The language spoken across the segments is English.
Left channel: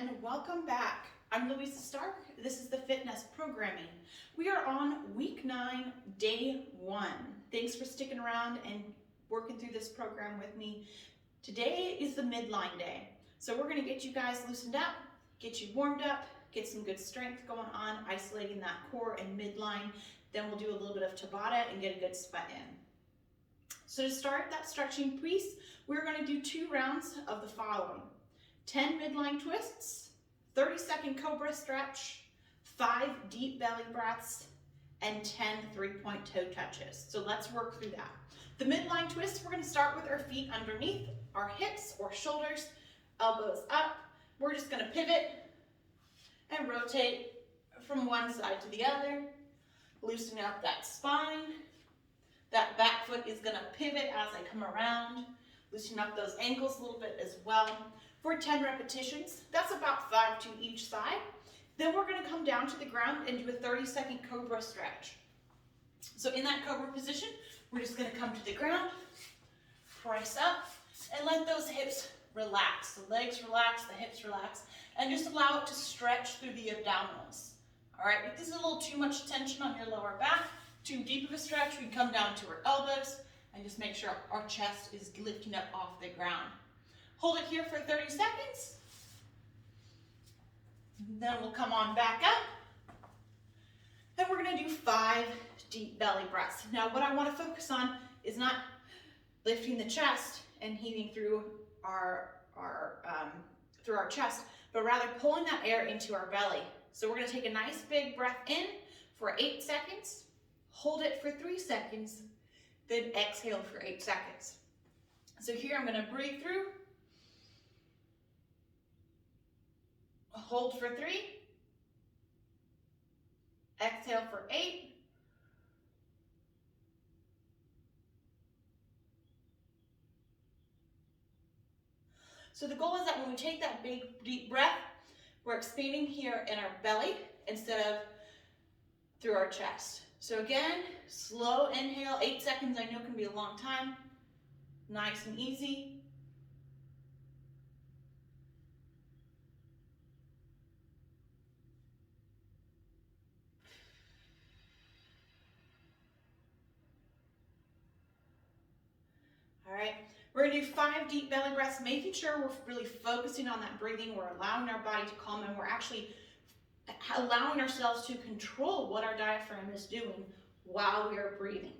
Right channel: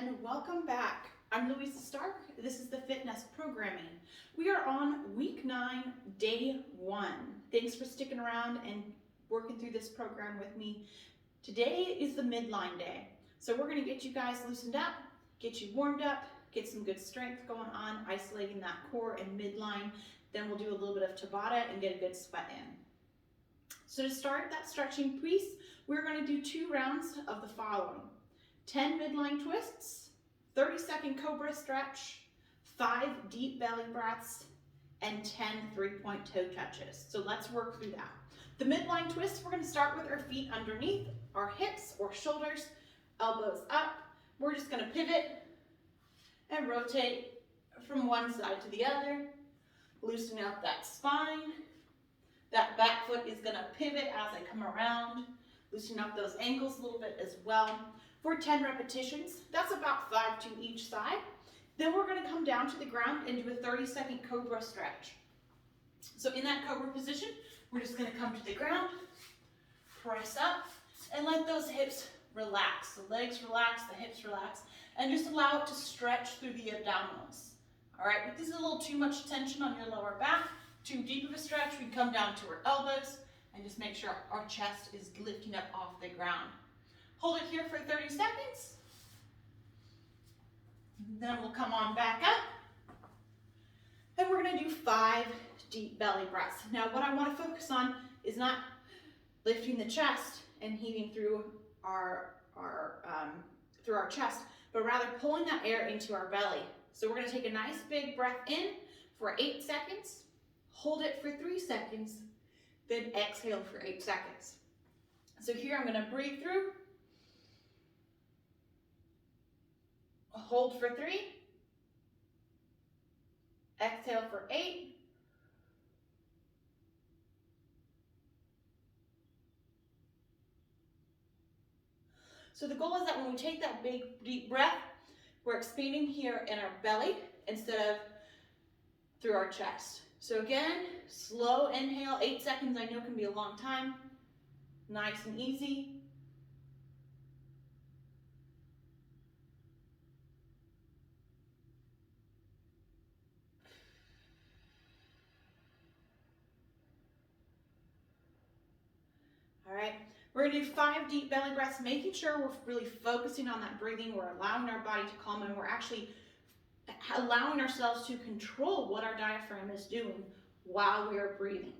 and welcome back. I'm Louisa Stark. This is the FITNEST programming. We are on week 9, day 1. Thanks for sticking around and working through this program with me. Today is the midline day. So we're going to get you guys loosened up, get you warmed up, get some good strength going on, isolating that core and midline. Then we'll do a little bit of Tabata and get a good sweat in. So to start that stretching piece, we're going to do 2 rounds of the following. 10 midline twists, 30-second cobra stretch, 5 deep belly breaths, and 10 3-point toe touches. So let's work through that. The midline twists, we're going to start with our feet underneath our hips or shoulders, elbows up. We're just going to pivot and rotate from one side to the other, loosening up that spine. That back foot is going to pivot as I come around, loosening up those ankles a little bit as well. For 10 repetitions, that's about 5 to each side. Then we're going to come down to the ground and do a 30-second cobra stretch. So in that cobra position, we're just going to come to the ground, press up, and let those hips relax. The legs relax, the hips relax, and just allow it to stretch through the abdominals. All right, if this is a little too much tension on your lower back, too deep of a stretch, we can come down to our elbows and just make sure our chest is lifting up off the ground. Hold it here for 30 seconds. Then we'll come on back up. And we're going to do 5 deep belly breaths. Now what I want to focus on is not lifting the chest and heaving through our chest, but rather pulling that air into our belly. So we're going to take a nice big breath in for 8 seconds, hold it for 3 seconds, then exhale for 8 seconds. So here I'm going to breathe through, hold for 3, exhale for 8, so the goal is that when we take that big deep breath, we're expanding here in our belly instead of through our chest. So again, slow inhale, 8 seconds I know can be a long time, nice and easy. All right, we're gonna do 5 deep belly breaths, making sure we're really focusing on that breathing. We're allowing our body to calm, and we're actually allowing ourselves to control what our diaphragm is doing while we are breathing.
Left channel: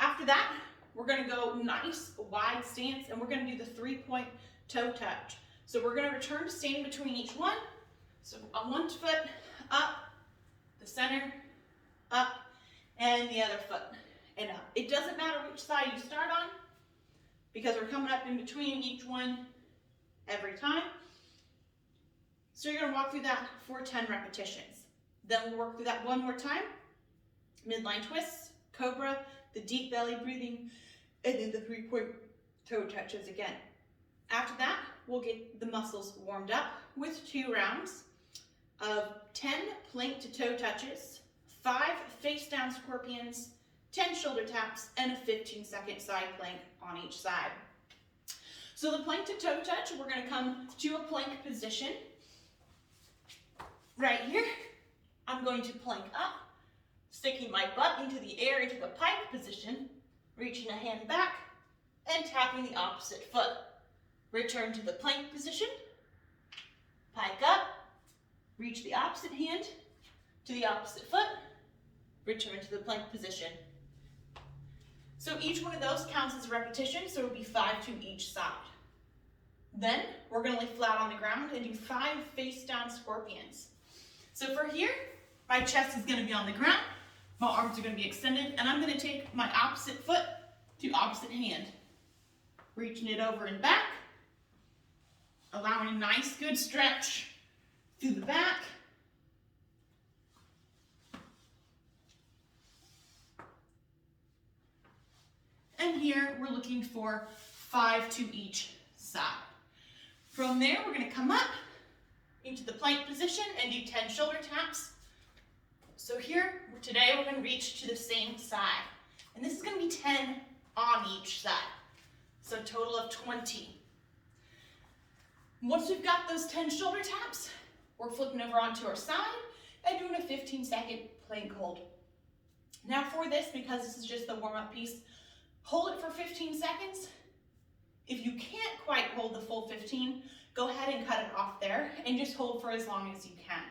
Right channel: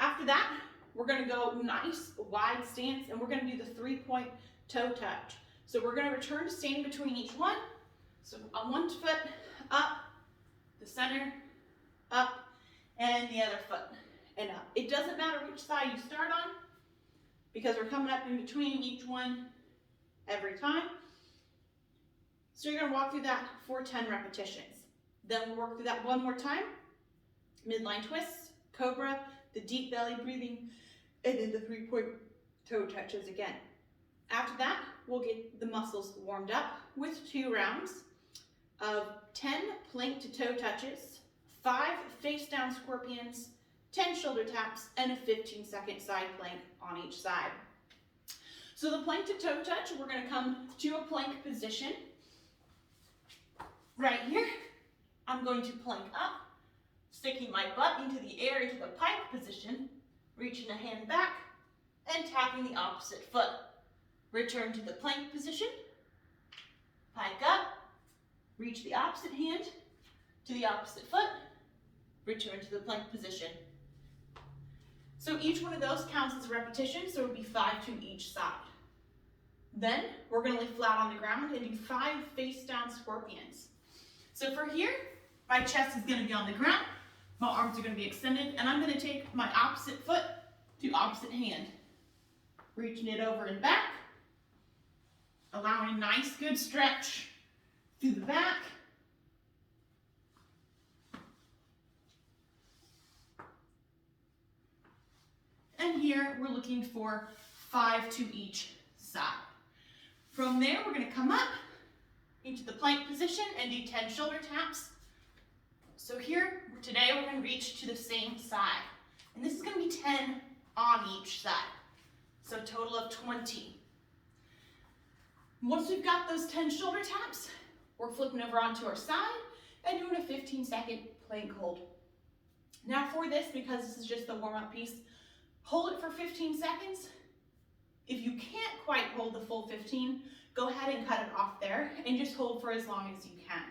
After that, we're gonna go nice wide stance, and we're gonna do the 3-point toe touch. So we're gonna return to standing between each one. So on one foot, up, the center, up, and the other foot. And up. It doesn't matter which side you start on because we're coming up in between each one every time. So you're going to walk through that for 10 repetitions. Then we'll work through that one more time. Midline twists, cobra, the deep belly breathing, and then the 3-point toe touches again. After that, we'll get the muscles warmed up with 2 rounds of 10 plank to toe touches, 5 face down scorpions, 10 shoulder taps, and a 15-second side plank on each side. So the plank to toe touch, we're going to come to a plank position. Right here, I'm going to plank up, sticking my butt into the air into the pike position, reaching a hand back, and tapping the opposite foot. Return to the plank position, pike up, reach the opposite hand to the opposite foot, return to the plank position. So each one of those counts as a repetition, so it would be 5 to each side. Then we're going to lay flat on the ground and do 5 face down scorpions. So for here, my chest is going to be on the ground, my arms are going to be extended, and I'm going to take my opposite foot to opposite hand, reaching it over and back, allowing a nice good stretch through the back. And here we're looking for 5 to each side. From there, we're going to come up into the plank position and do 10 shoulder taps. So here, today we're going to reach to the same side. And this is going to be 10 on each side. So a total of 20. Once we've got those 10 shoulder taps, we're flipping over onto our side and doing a 15-second plank hold. Now for this, because this is just the warm-up piece, hold it for 15 seconds. If you can't quite hold the full 15, go ahead and cut it off there and just hold for as long as you can.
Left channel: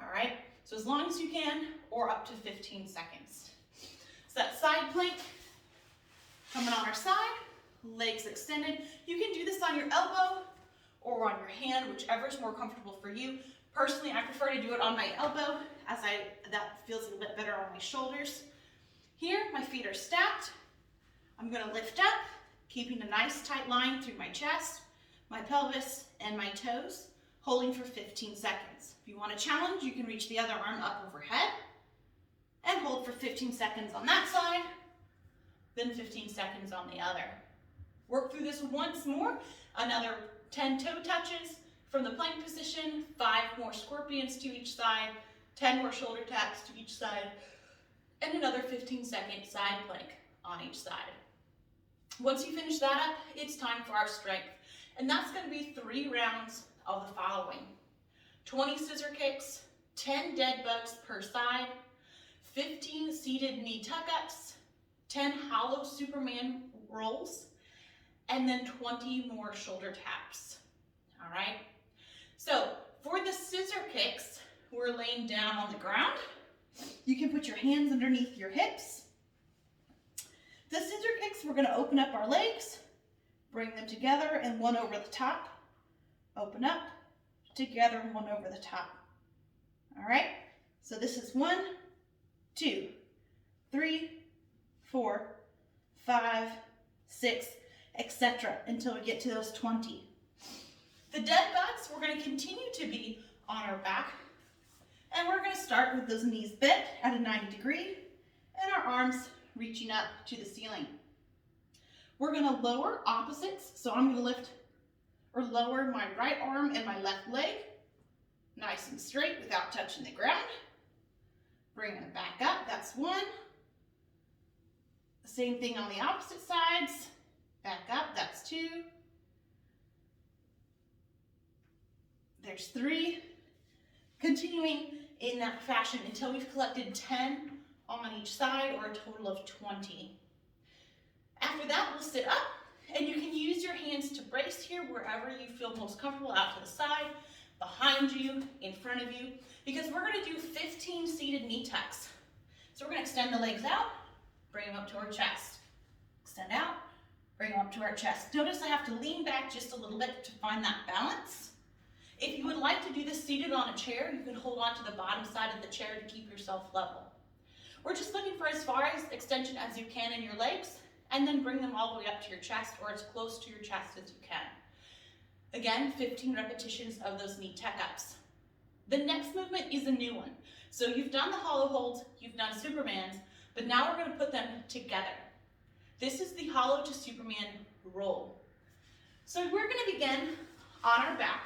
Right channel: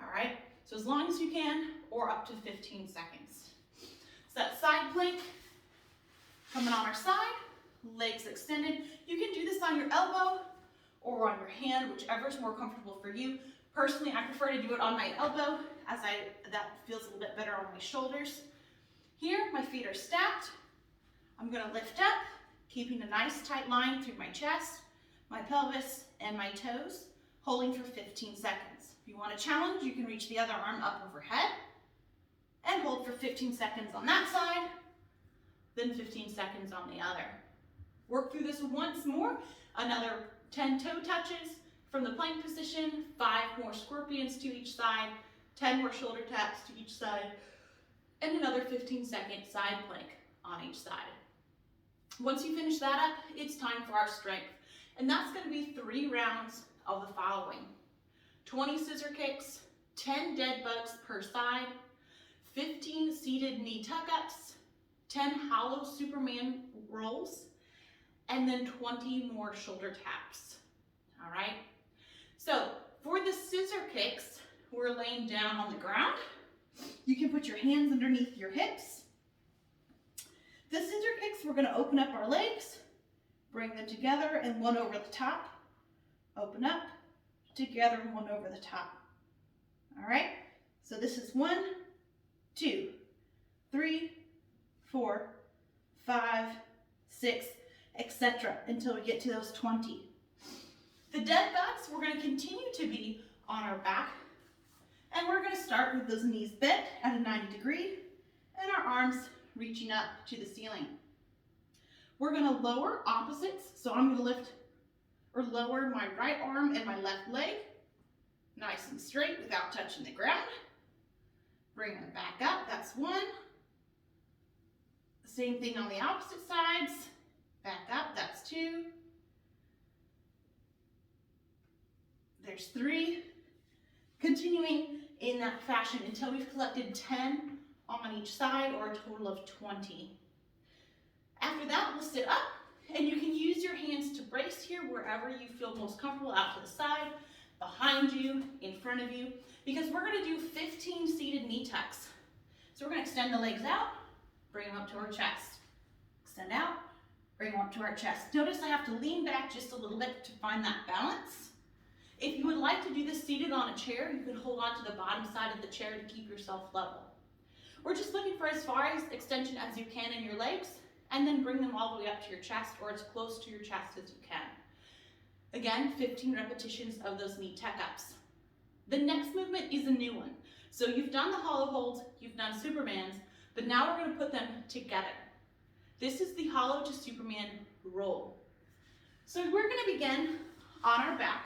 All right, so as long as you can, or up to 15 seconds. So that side plank, coming on our side, legs extended. You can do this on your elbow or on your hand, whichever is more comfortable for you. Personally, I prefer to do it on my elbow, as that feels a little bit better on my shoulders. Here, my feet are stacked. I'm gonna lift up, keeping a nice tight line through my chest, my pelvis, and my toes, holding for 15 seconds. If you want a challenge, you can reach the other arm up overhead and hold for 15 seconds on that side, then 15 seconds on the other. Work through this once more, another 10 toe touches from the plank position, 5 more scorpions to each side, 10 more shoulder taps to each side, and another 15-second side plank on each side. Once you finish that up, it's time for our strength. And that's going to be 3 rounds of the following: 20 scissor kicks, 10 dead bugs per side, 15 seated knee tuck-ups, 10 hollow Superman rolls, and then 20 more shoulder taps. All right? So for the scissor kicks, we're laying down on the ground. You can put your hands underneath your hips. The scissor kicks, we're going to open up our legs, bring them together and one over the top. Open up, together and one over the top. All right? So this is 1, 2, 3, 4, 5, 6, etc. until we get to those 20. The dead bugs, we're going to continue to be on our back, and we're going to start with those knees bent at a 90 degree and our arms reaching up to the ceiling. We're going to lower opposites, so I'm going to lift or lower my right arm and my left leg nice and straight without touching the ground. Bring it back up, that's 1. Same thing on the opposite sides. Back up, that's 2. There's 3. Continuing in that fashion until we've collected 10 on each side, or a total of 20. After that, we'll sit up, and you can use your hands to brace here wherever you feel most comfortable, out to the side, behind you, in front of you, because we're going to do 15 seated knee tucks. So we're going to extend the legs out, bring them up to our chest. Extend out, bring them up to our chest. Notice I have to lean back just a little bit to find that balance. If you would like to do this seated on a chair, you can hold on to the bottom side of the chair to keep yourself level. We're just looking for as far as extension as you can in your legs, and then bring them all the way up to your chest, or as close to your chest as you can. Again, 15 repetitions of those knee tuck-ups. The next movement is a new one. So you've done the hollow holds, you've done Supermans, but now we're going to put them together. This is the hollow to Superman roll. So we're going to begin on our back.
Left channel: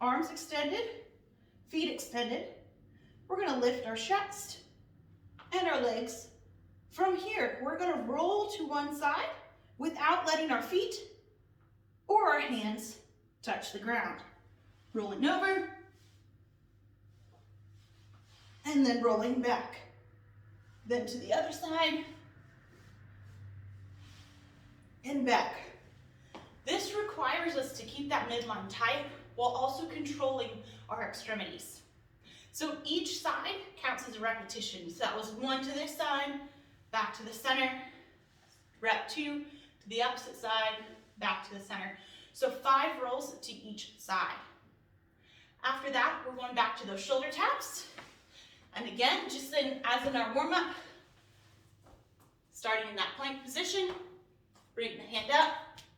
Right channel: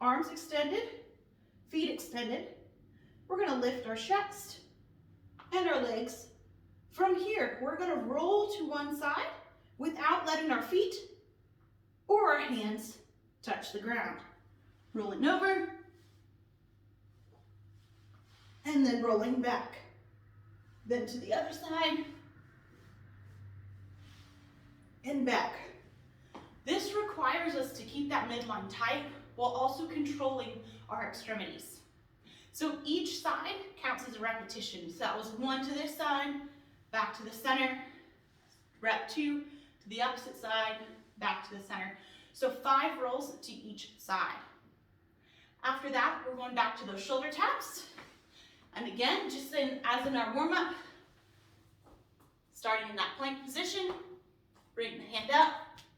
Arms extended, feet extended. We're going to lift our chest and our legs. From here, we're going to roll to one side without letting our feet or our hands touch the ground. Rolling over, and then rolling back. Then to the other side, and back. This requires us to keep that midline tight while also controlling our extremities. So each side counts as a repetition. So that was 1 to this side, back to the center, rep 2 to the opposite side, back to the center. So 5 rolls to each side. After that, we're going back to those shoulder taps. And again, just as in our warm-up, starting in that plank position, bring the hand up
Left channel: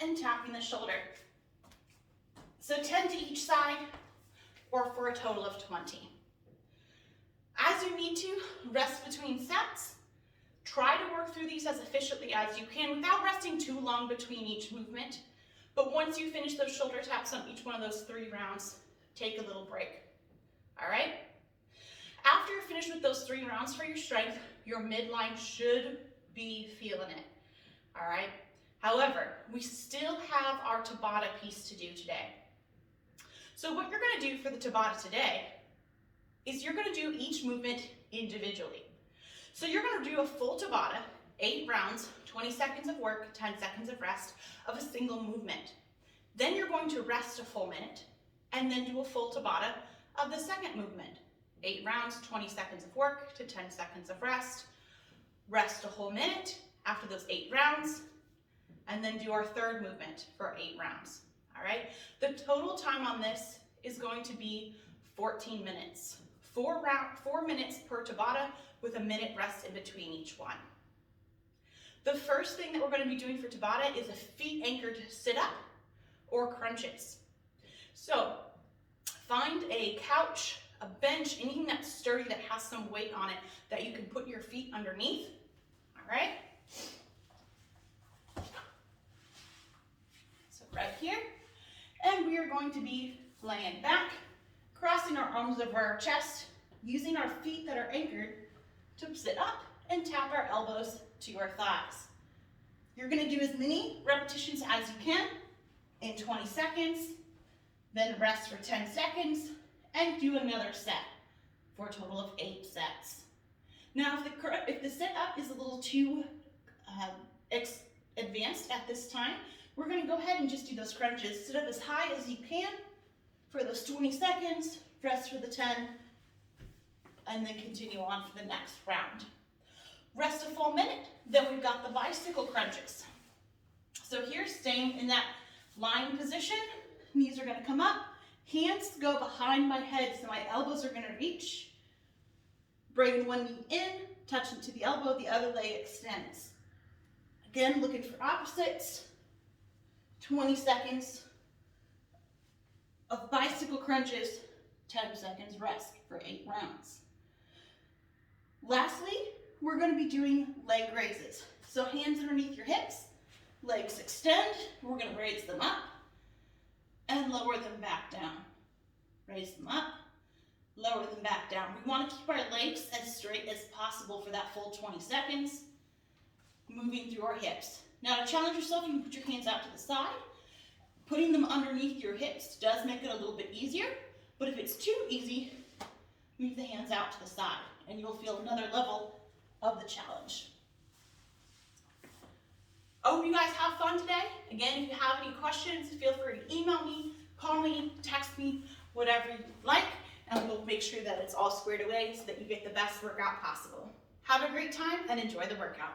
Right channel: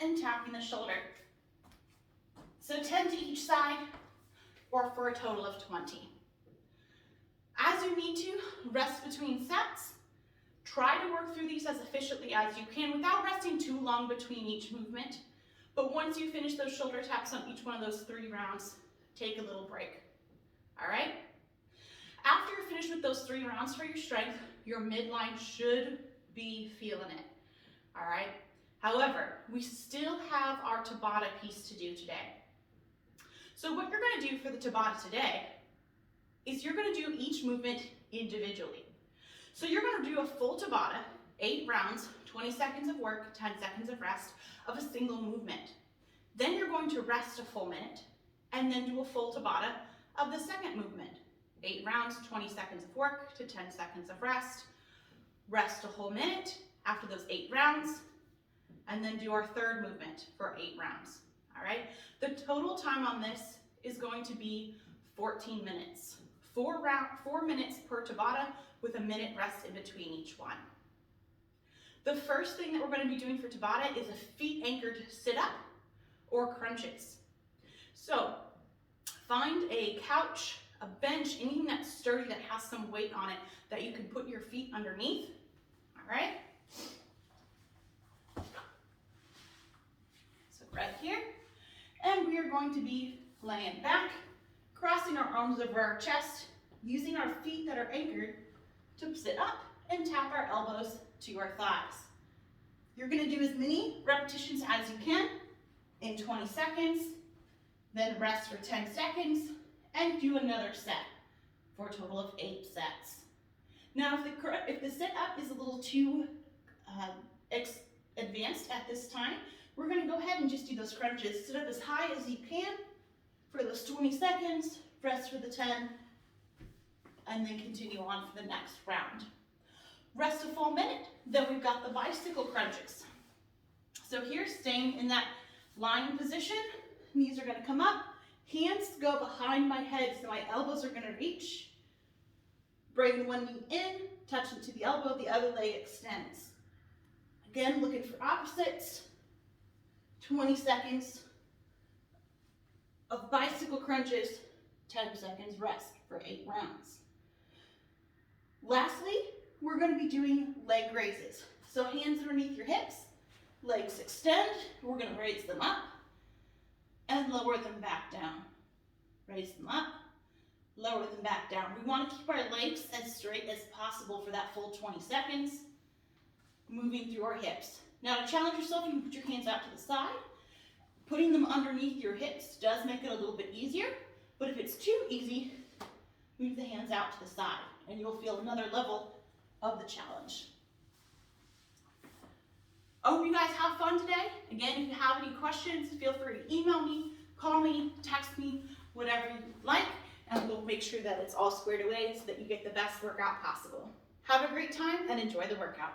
and tapping the shoulder. So 10 to each side, or for a total of 20. As you need to, rest between sets. Try to work through these as efficiently as you can without resting too long between each movement. But once you finish those shoulder taps on each one of those 3 rounds, take a little break. All right? After you're finished with those 3 rounds for your strength, your midline should be feeling it. All right? However, we still have our Tabata piece to do today. So what you're going to do for the Tabata today is you're going to do each movement individually. So you're going to do a full Tabata, 8 rounds, 20 seconds of work, 10 seconds of rest of a single movement. Then you're going to rest a full minute and then do a full Tabata of the second movement. 8 rounds, 20 seconds of work to 10 seconds of rest a whole minute after those 8 rounds, and then do our third movement for 8 rounds. All right, the total time on this is going to be 14 minutes. 4 minutes per Tabata with a minute rest in between each one. The first thing that we're going to be doing for Tabata is a feet anchored sit-up or crunches. So find a couch, a bench, anything that's sturdy that has some weight on it that you can put your feet underneath. All right. So right here. And we are going to be laying back, crossing our arms over our chest, using our feet that are anchored to sit up and tap our elbows to our thighs. You're going to do as many repetitions as you can in 20 seconds, then rest for 10 seconds, and do another set for a total of 8 sets. Now, if the sit-up is a little too advanced at this time, we're going to go ahead and just do those crunches. Sit up as high as you can for those 20 seconds, rest for the 10, and then continue on for the next round. Rest a full minute, then we've got the bicycle crunches. So here, staying in that lying position, knees are going to come up, hands go behind my head, so my elbows are going to reach. Bring one knee in, touching to the elbow, the other leg extends. Again, looking for opposites. 20 seconds of bicycle crunches, 10 seconds rest for 8 rounds. Lastly, we're going to be doing leg raises. So hands underneath your hips, legs extend, we're going to raise them up and lower them back down. Raise them up, lower them back down. We want to keep our legs as straight as possible for that full 20 seconds, moving through our hips. Now to challenge yourself, you can put your hands out to the side. Putting them underneath your hips does make it a little bit easier, but if it's too easy, move the hands out to the side and you'll feel another level of the challenge. I hope you guys have fun today. Again, if you have any questions, feel free to email me, call me, text me, whatever you like, and we'll make sure that it's all squared away so that you get the best workout possible. Have a great time and enjoy the workout.